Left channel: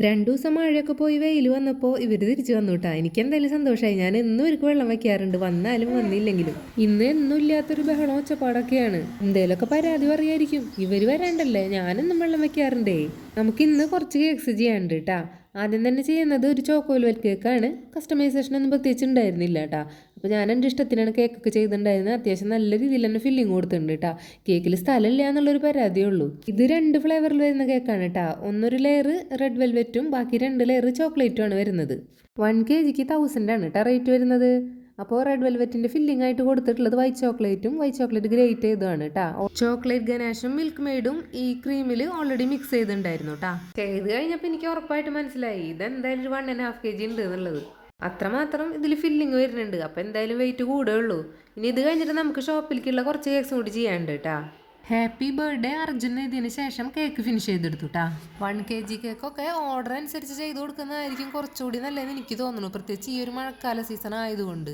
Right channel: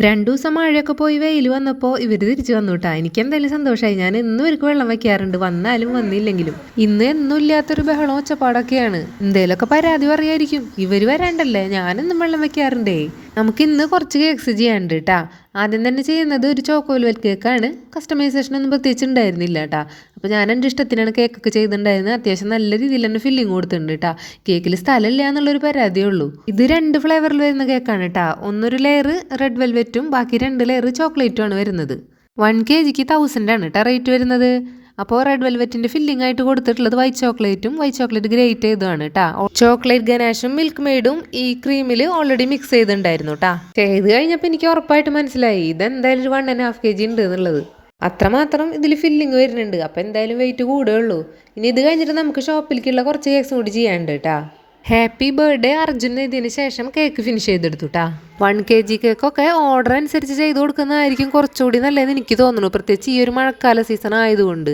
രണ്ടു ദിവസം മഴയൊക്കെ പോയി വെയിൽ വന്നപ്പോൾ ഇവർ തിരിച്ചു വന്നു കേട്ടോ എനിക്ക് എന്തായാലും സന്തോഷമായി ഞാൻ എന്നും ഇവർക്ക് വെള്ളം വെക്കാറുണ്ട് വന്നാലും വന്നില്ലെങ്കിലും. ഇന്ന് എന്നും ഇല്ലാത്തൊരു ബഹളം ഒച്ചപ്പാടൊക്കെയാണ്. എന്തേലൊക്കെ പരാതി പറയായിരിക്കും. ഇവർ വരാണ്ടല്ലേ? ഞാനെന്നും വെള്ളം വെക്കാറുണ്ടേ നമുക്ക് ഇന്ന് കുറച്ച് കേക്ക്സ് ചെയ്യാനുണ്ട് കേട്ടാ ആദ്യം തന്നെ ചെയ്യുന്നത് ഒരു ചോക്കോൽ വെൽ കേക്കാണ് കസ്റ്റമൈസേഷൻ ഒന്നും പ്രത്യേകിച്ച് ഉണ്ടായിരുന്നില്ല കേട്ടാ അപ്പോൾ ഞാൻ എന്റെ ഇഷ്ടത്തിനാണ് കേക്കൊക്കെ ചെയ്തിട്ടുണ്ടായിരുന്നത്. അത്യാവശ്യം നല്ല രീതിയിൽ തന്നെ ഫില്ലിങ് കൊടുത്തിട്ടുണ്ട് കേട്ടാ കേക്കിൽ സ്ഥലമില്ല എന്നുള്ളൊരു പരാതിയേ ഉള്ളൂ. ഇത് രണ്ട് ഫ്ലേവറിൽ വരുന്ന കേക്കാണ് കേട്ടോ ഒന്നൊരു ലെയർ റെഡ് വെൽവെറ്റും ബാക്കി രണ്ട് ലെയർ ചോക്ലേറ്റും ആണ് വരുന്നത്. വൺ കെ ജിക്ക് തൗസൻഡ് ആണ് കേട്ടോ റേറ്റ് വരുന്നത്. അപ്പോൾ റെഡ് വെൽവെറ്റിന്റെ ഫില്ലിംഗ് ആയിട്ട് കൊടുത്തിട്ടുള്ളത് വൈറ്റ് ചോക്ലേറ്റും വൈറ്റ് ചോക്ലേറ്റ് ഗ്രേറ്റ് ചെയ്തതാണ് കേട്ടോ ചോക്ലേറ്റ് ഗനാഷും മിൽക്ക് മെയ്ഡും ഈ ക്രീമിൽ ഓൾറെഡി മിക്സ് ചെയ്തിട്ടുണ്ടായിരുന്നു കേട്ടോ ചെയ്ത് കഴിഞ്ഞപ്പോൾ എനിക്ക് ഉറപ്പായിട്ട് മനസ്സിലായി. ഇതെന്തായാലും ഒരു one and half K G ഉണ്ട് എന്നുള്ളത്. അത്രമാത്രം ഇതിൽ ഫില്ലിങ് വരുന്നുണ്ട്. അപ്പോൾ എന്തായാലും വെയിറ്റ് കൂടുകയുള്ളൂ ഇനി ഇത് കഴിഞ്ഞിട്ട് നമുക്ക് ഷോപ്പിലേക്കുള്ള കുറച്ച് കേക്ക്സും കൂടി ചെയ്യാനുണ്ട് കേട്ടാ ഹാപ്പി ബർത്ത്ഡേ അർജുൻ ഇതിന് ശേഷം കേക്ക് ഫിനിഷ് ചെയ്തെടുത്തു കേട്ടാ വൺ കെ ജി കേക്കൊക്കെ ഓർഡർ അനുസരിച്ച് ചെയ്ത് കൊടുക്കുന്നതായിരിക്കും കുറച്ചുകൂടി നല്ലതെന്ന് എനിക്ക് തോന്നുന്നു. പ്രത്യേകിച്ച് ഈ ഒരു മഴക്കാല സീസൺ ആയതുകൊണ്ട്.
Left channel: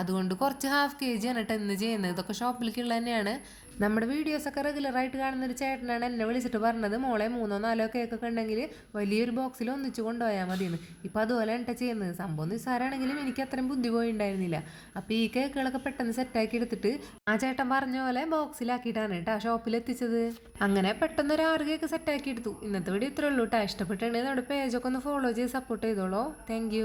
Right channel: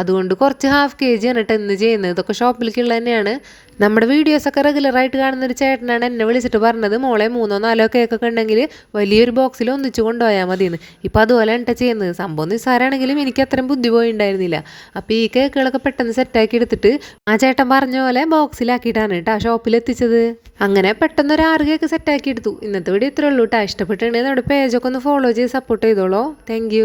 അതുകൊണ്ട് കുറച്ച് ഹാഫ് കെ ജി ആണ് ഇന്ന് ചെയ്യുന്നത്. ഇതൊക്കെ ഷോപ്പിലേക്കുള്ള തന്നെയാണ്. നമ്മുടെ വീഡിയോസൊക്കെ റെഗുലറായിട്ട് കാണുന്ന ഒരു ചേട്ടനാണ് എന്നെ വിളിച്ചിട്ട് പറഞ്ഞത്. മോളെ മൂന്നോ നാലോ കേക്കൊക്കെ ഉണ്ടെങ്കിൽ വലിയൊരു ബോക്സിൽ ഒന്നിച്ച് കൊണ്ടുപോയാൽ മതിയെന്ന്. ഇപ്പം അതുപോലെ എന്നിട്ട് ചെയ്യുന്നത്. സംഭവം നിസ്സാരാണെങ്കിലും എനിക്ക് അത്രയും ബുദ്ധി പോയിണ്ടായിരുന്നില്ല. അപ്പോൾ ഈ കേക്കുകളൊക്കെ പെട്ടെന്ന് സെറ്റാക്കി എടുത്തിട്ട് ആ ചേട്ടൻ പറഞ്ഞ പോലെ ബോക്സിലാക്കിയിട്ടാണ് കേട്ടോ ഷോപ്പിൽ എത്തിച്ചത്. അങ്ങനെ പെട്ടെന്ന് ഒരു ആറ് കേക്ക് സെറ്റാക്കി എടുത്തു. ഇന്നത്തെ വീഡിയോ ഇത്രയുള്ളൂ കേട്ടോ ഇഷ്ടപ്പെട്ടിട്ടുണ്ടെങ്കിൽ നമ്മുടെ പേജൊക്കെ ഒന്ന് ഫോളോ ചെയ്ത് സപ്പോർട്ട് ചെയ്തോളൂ. താങ്ക്